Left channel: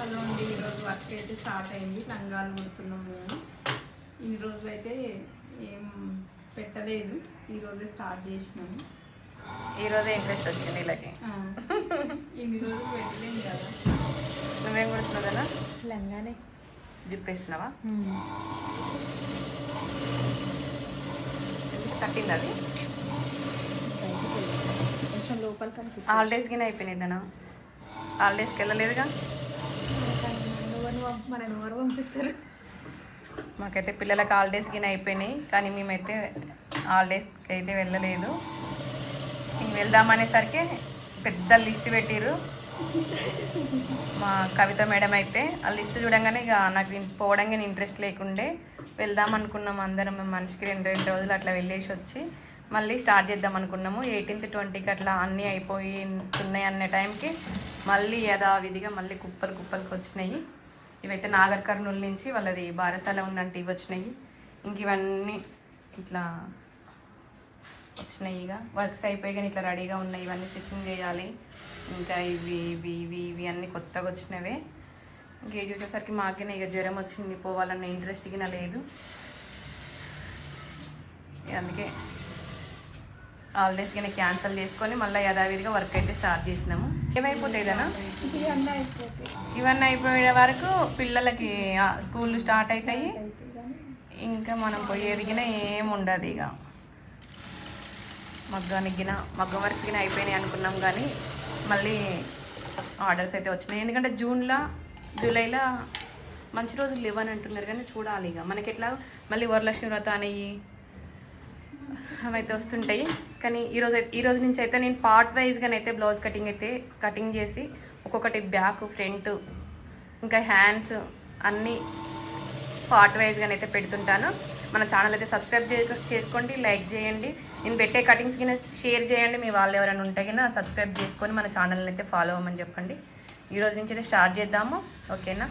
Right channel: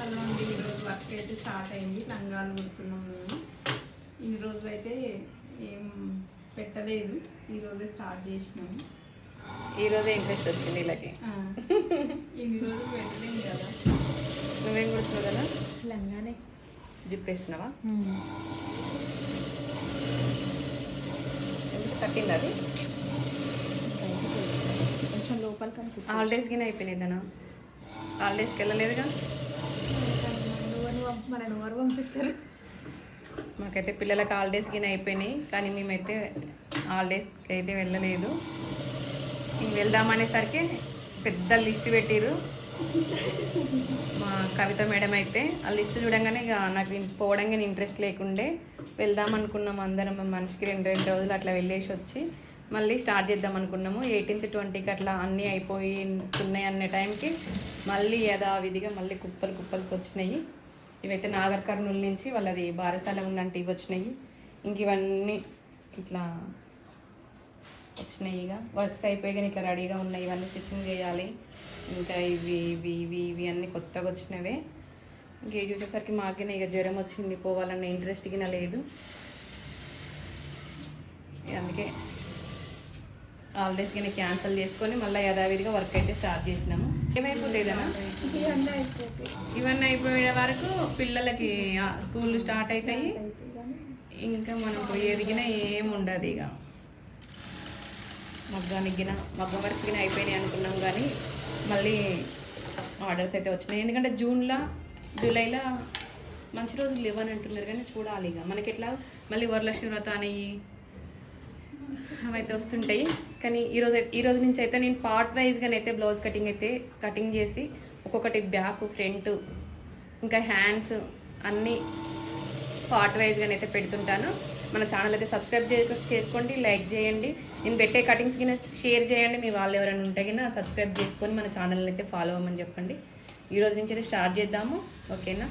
Hello అండి ఈరోజు work అయితే స్టార్ట్ అయింది. లంగాలు కుడుతున్నాం మేము ఈ రోజు అయితే ఏం పెట్టలేదు. ఈ రోజే స్టార్ట్ చేసినాము. ఈరోజే ఇంట్రెస్ట్ వచ్చింది వీళ్ళకి ఆ, ఇన్ని రోజులు పెట్టలేము కదా. నువ్వేం కొడుతున్నావు కదా? లంగానే. జిప్పేస్తున్నావా? కట్టింది అది? కొంచెం లోపలికి హాలిడేస్ కింద అయిపోయినాయి దానా హాలిడేస్కి వెళ్ళలేదుగా? మన ఎవరు పంపిస్తారు. మాకైతే పిల్లలకు హాలిడేస్ కింద అయిపోయినాయి కానీ మేమైతే హాలిడేస్కి అయితే వెళ్ళలేదు. వెళ్దామనేసరికి పెద్ద లిస్ట్ పెట్టిర్రు. మా కవిత మేడం అయితే ఆ లిస్ట్ చూడంగానే ఇక నాకు పోవడం పోవడానికి ఇంట్రెస్ట్ లేకుండే వెళ్దాం అనుకున్నాం అందరం మనిషికి రెండు రెండు రోజులు అట్లా వెళ్ళేసి వచ్చి మళ్ళీ స్టార్ట్ చేద్దాం అనుకున్నాము. ఎయిటీన్త్ ట్వంటీకి అట్లా అన్నీ అయిపోయి ఉన్నాయి అనే టైంకి మళ్ళీ యథావిధిగా మళ్ళీ కుప్పలు కుప్పలకు వచ్చినాయి. ఇవైతే నాగర్ కర్నూలు నుంచి వాళ్ళది బారసాల ఉందంటే ఇవి వచ్చినాయి. ఇంక ఇవన్నీ ఇట్లా వచ్చినాయి ఇక. వర్క్స్ అయిపోయి కానీ ఇట్లా రెడీగా ఉన్నాయి. ఇవన్నీ స్టిచ్చింగ్ చేయాలి. ఇంకా ఇవి ఇవి ఇవి ఇవి అన్నీ కొత్తగా వచ్చినవే. ఇంక చూసేసరికి మాకే ఇక జ్వరం వచ్చింది. పోవాలన్న ఇంట్రెస్ట్ గిన లేదు. అందుకే హాలిడేస్ కింద క్యాన్సిల్ చేసుకొని మళ్ళీ యథావిధిగా వర్క్ అయితే స్టార్ట్ చేసినాము. ఏమైపోతాయి ఇవన్నీ అయిపోయే వరకు పిల్లలకి స్కూల్ స్టార్ట్ అవుతాయి ఇంకా మనం పోయేది ఏముండదు ఉండదు ఇక. మగ్గానికి మగ్గ మగ్గం వరకు అయిపోయినాయి అనుకున్నాం కానీ మళ్ళీ ఆర్డర్స్ అయితే వచ్చినాయి. ఎందుకంటే జూన్లో జూలైలో మంచి రోజులు లేవని అంటున్నారు కానీ చూడాలి ఇక. మనకి ఎట్లా? మళ్ళీ వరలక్ష్మి వ్రత అనేవి అవైతే వస్తుంటాయి. కానీ ఈరోజు ఈరోజు నుంచి అయితే నేను పార్ట్ వైజ్గానైతే బ్లౌజ్ కటింగ్ అయితే కటింగ్ చేసి ఒక్కొక్కటి బ్యాక్ ఫ్రంట్ ఇంకా హ్యాండ్స్ అన్నీ పార్ట్ వైజ్గానైతే అయితే పెడుతుంటాను. మన ఛానల్ అయితే సబ్స్క్రైబ్ చేసుకోండి లైక్ చేయండి. నేను పెట్టే కటింగ్స్ కింద షేర్ చేయండి. మీ వాళ్ళు ఎవరైనా ఉంటే కింద సబ్స్క్రైబ్ చేసుకొని మన ఛానల్ని అయితే ఫాలో అవ్వమని చెప్పండి. ఈ రోజు నుంచి అయితే స్టార్ట్ చేద్దాము. ఓకేనా